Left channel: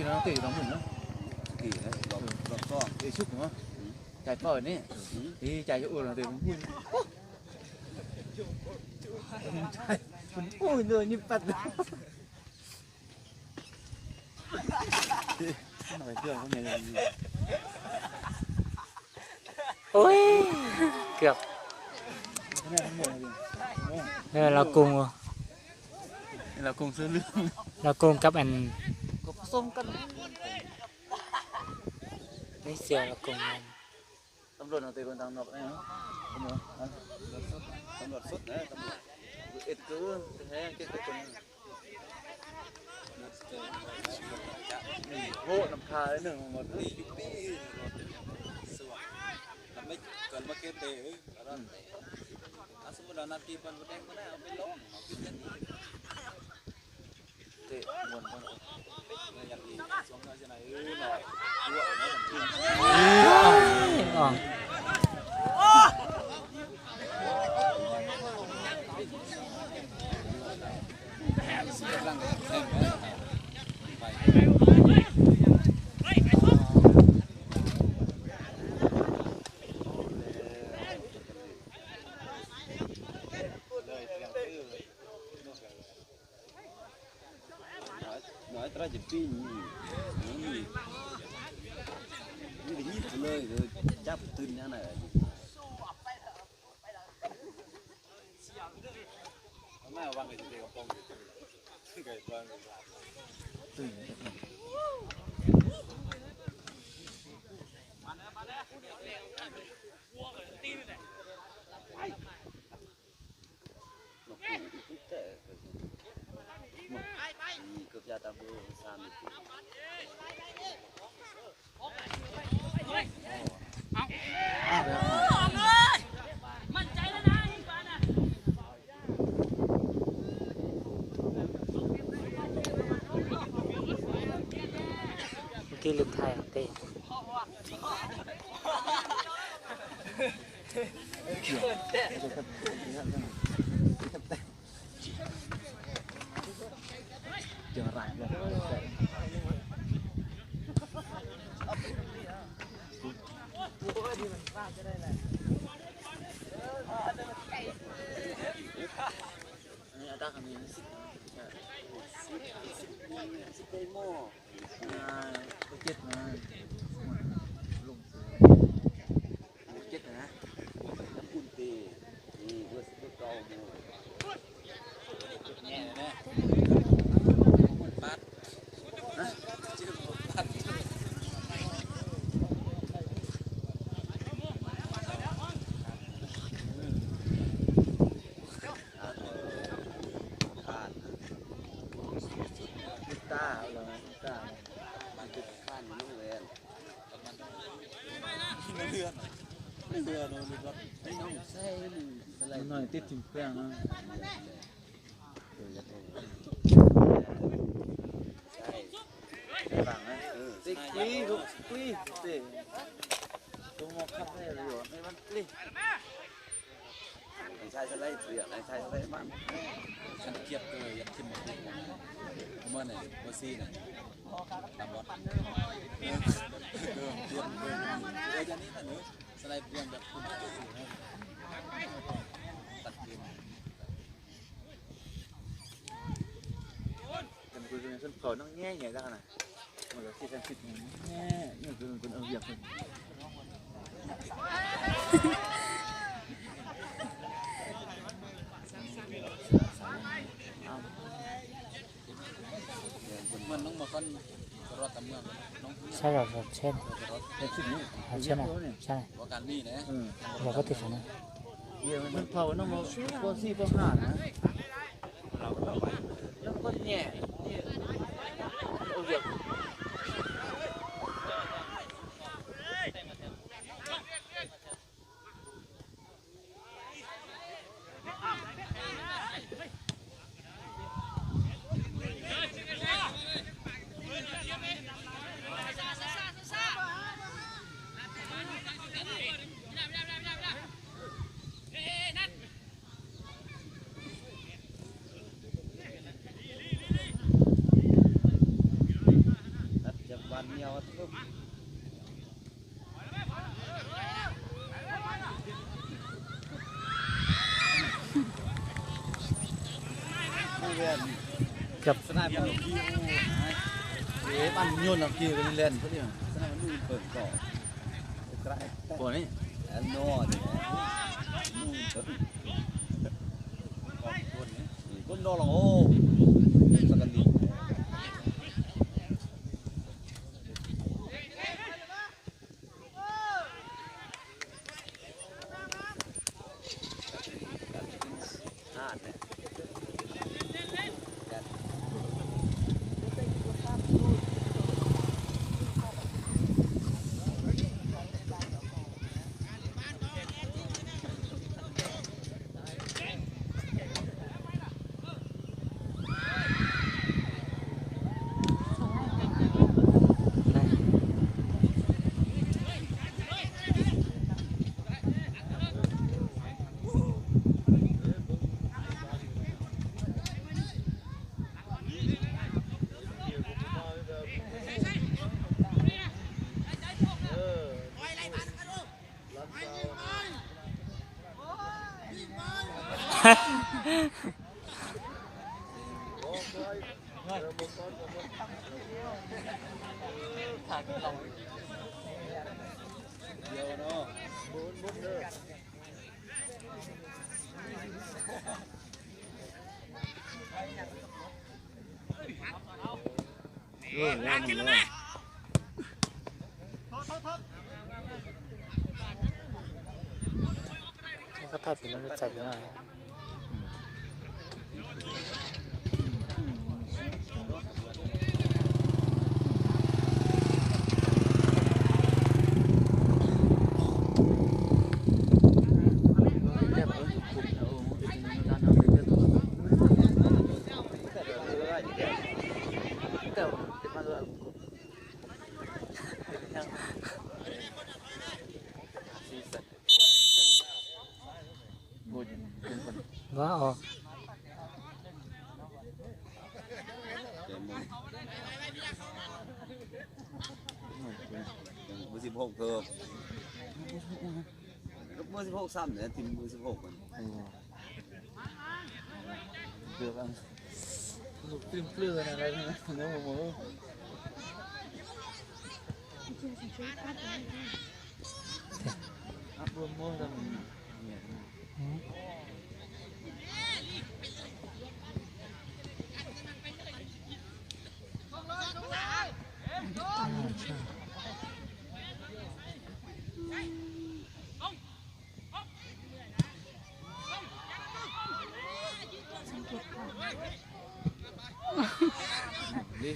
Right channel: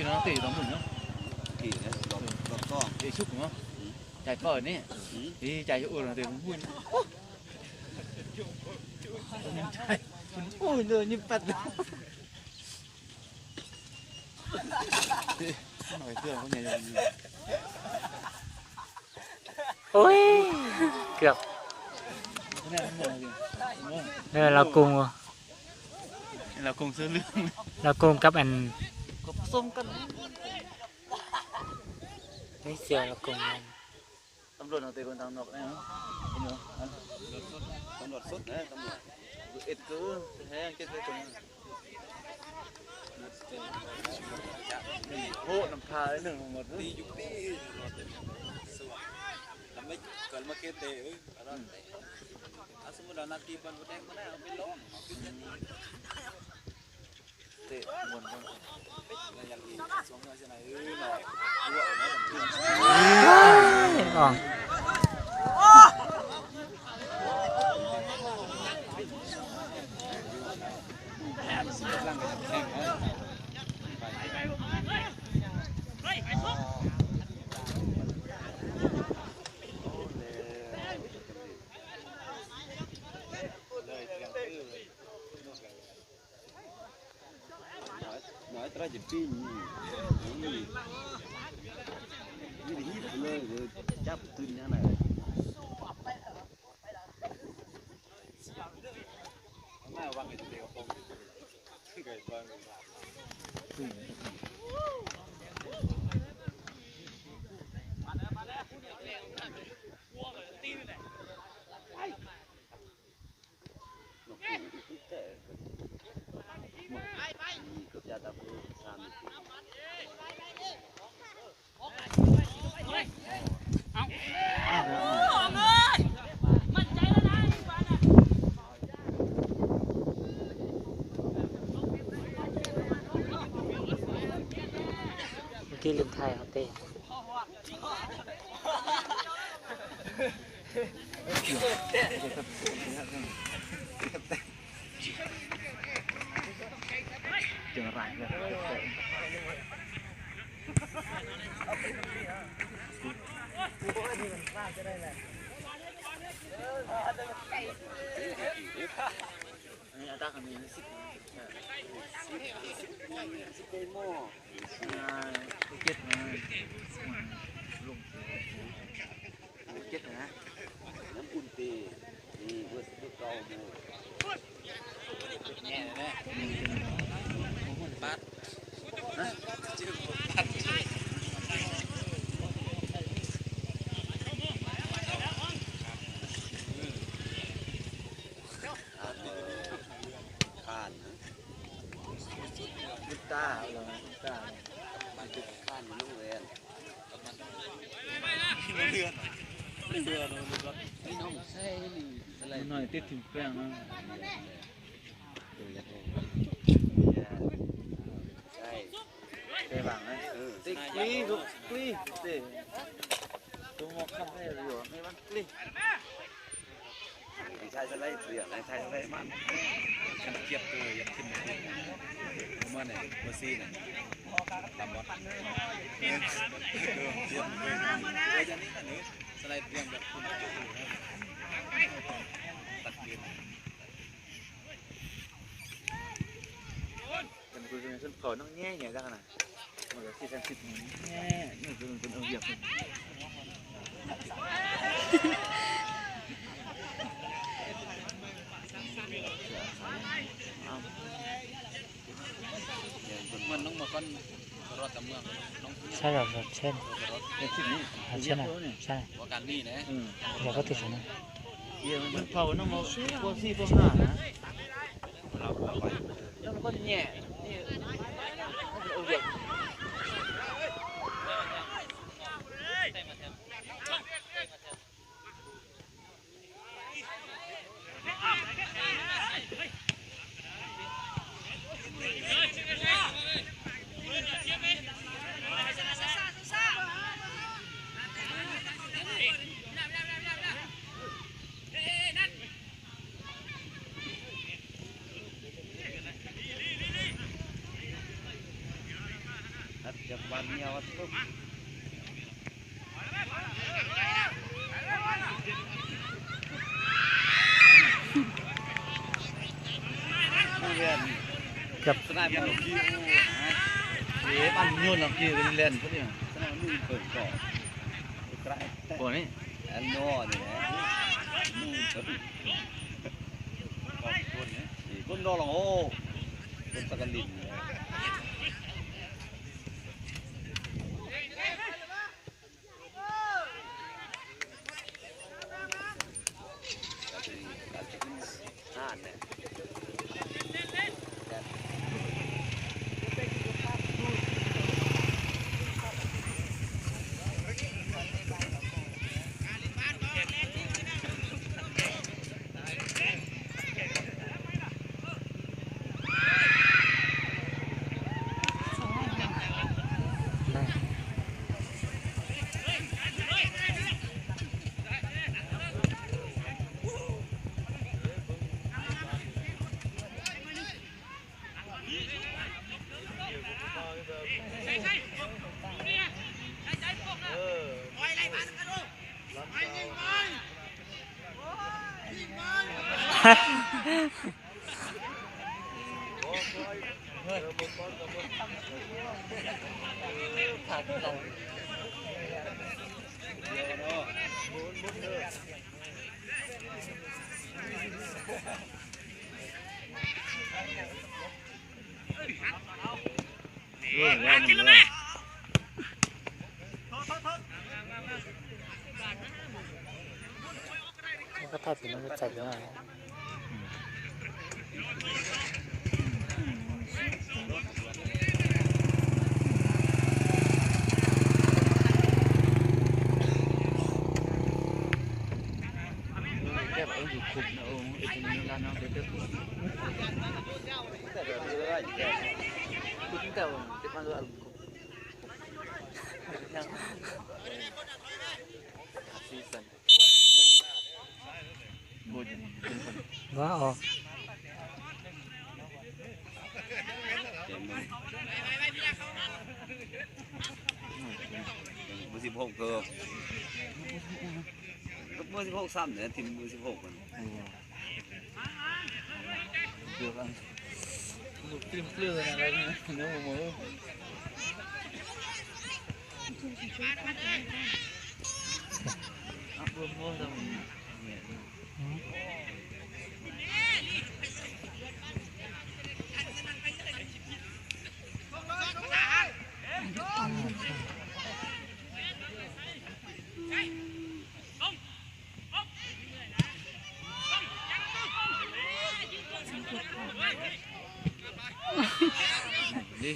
kia nó tỉ bằng mùng nó tỉ nó con tỉ xúc nó chạy còi nè thì chạy chỗ là tỉ bằng mùng chạy ôi rồi như phật nói cười không này là ôi cướp đây là cùng sơ lương là cùng cấp anh sông cân mấy giờ là cùng tầm ruột nào tùy con tầm nọc này không con ruột sút đấy ít cứ thế cái chồng mình hộ làm khá đấy đừng một tí làm mấy cần mà kêu tệสมมุติเรานาทีเป็นแบงค์ก็ได้เอาไปลงเตะบนอย่างนี้สองเราจะไหนหน่อยเยอะนะอ๋อnói chỉ pin như hítเลยจับตื่นยังไงน่าวางไว้เดียวคงเกิดวางที่ลืมไทยเต้nói tiếp thùng quen không tích quý quý để tôi ngọc không hay là rồi mấy bác đi sai sẽ lấy tiền này sai sẽ lấy bán ăn kiếp tôi giật thêm một cái món này oxy này làm bọt tiền bây giờ này nữa sẽ lấy tiền được không đặt tiền sân khấu nó nghe nhẹ ra này rồi khi xem xịt nghe nhưng mà ở việc mình nó một con rọt tầm lượng sai rồi trên trên này sai giờ có thể xuống này giờ sân khấu nó một cô si cô hả nó có nhẹ กับ สนามเป็นที่เอ๊ะมันนู่นน่ะที่เล่นเขาเนี่ยสนามนู่นเปิดก่อนตัวนี้อันโน่เนี่ยคนโดนหรอโอ้สกัดลิ้นกินแล้วไหมก็ถ้าถึงมันจะจับได้ว่าออกมือ16เกิบมือ16ซ้ำเนี่ยทีมมือ16กันเกือบอันลูกติ้มเปลือยอะไรเนี่ยเนื้อหมูอัพรวมโน้ตมันดิ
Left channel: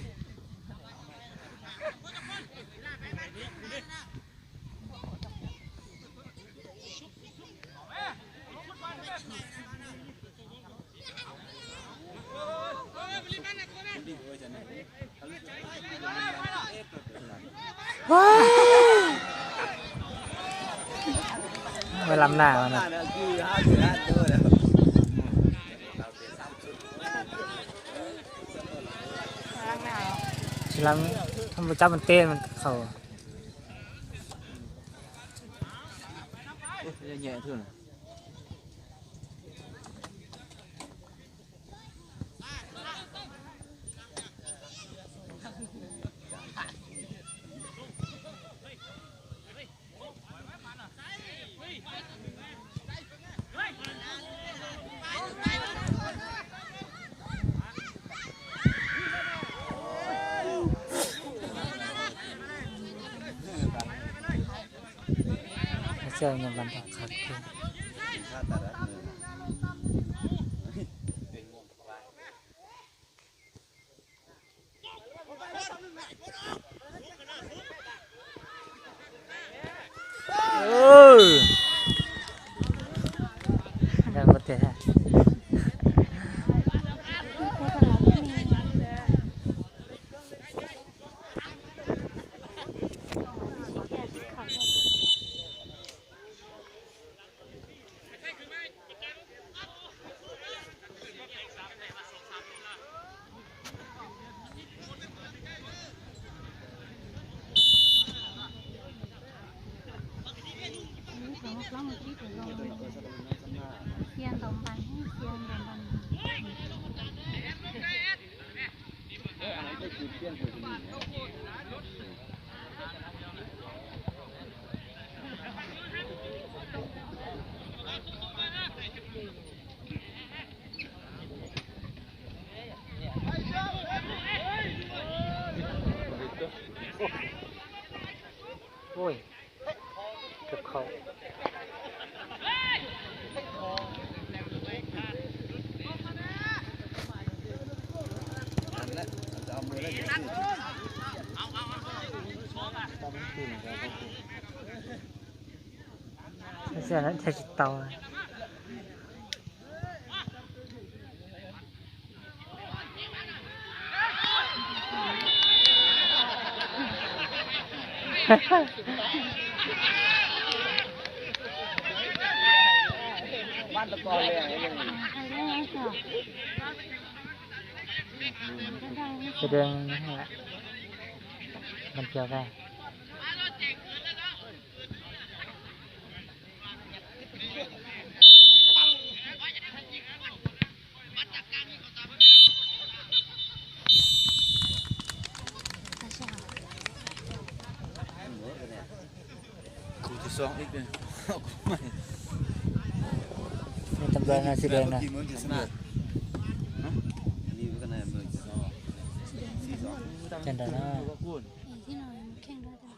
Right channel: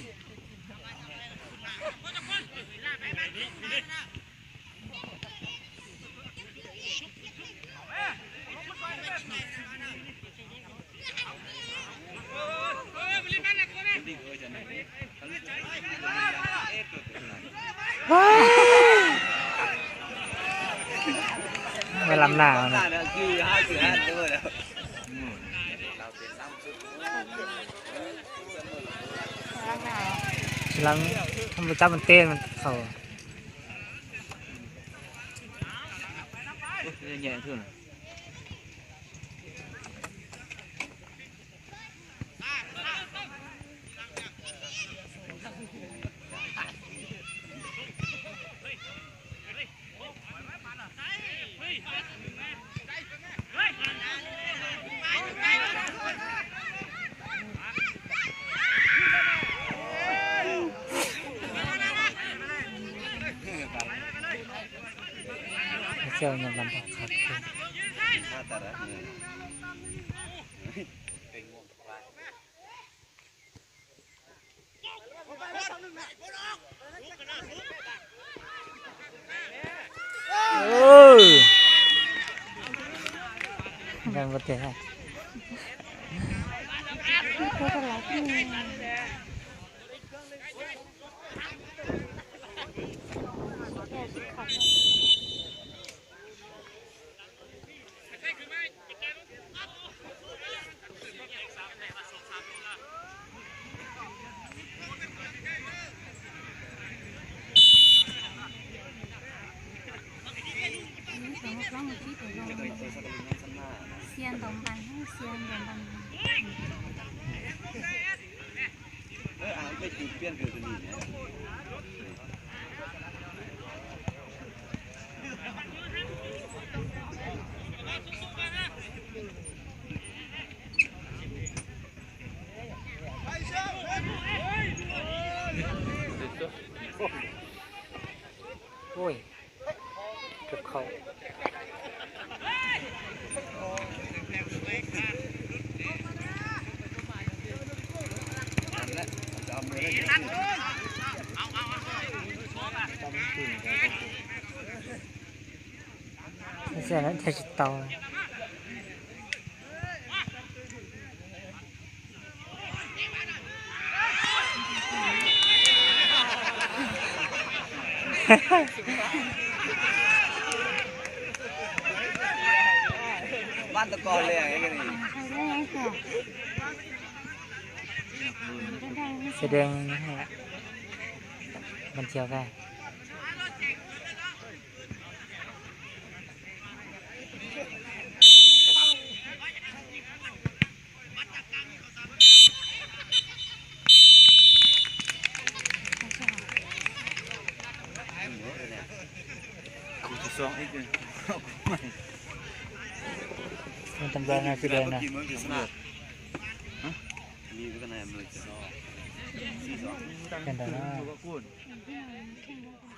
ไปลำหน้ามันนะลำทำประจับมันเต้นมันเข่าnhẹ thôi này.เจ้าเนี่ยมันต้องขัดกันประเทศ เสียงตรงกันให้เสียงตรงกัน ไปจุดเปลี่ยนเกี่ยวกับนี่เนี่ยโอ้ยเกือบเข้า ไม่ใช่แล้วจะจุดเตาบ้านตะกอนเลยไงกันนี่ ใครได้ไหมค่ะ แสดงนะฮะมันเที่ยวได้ที่สองอีกเลย มันตำแหน่งสีแดงนะ กี่มื้อกี่มื้อมีกันไหนมื้อ เป็นไงนะ ที่เราแข่งด้วยกัน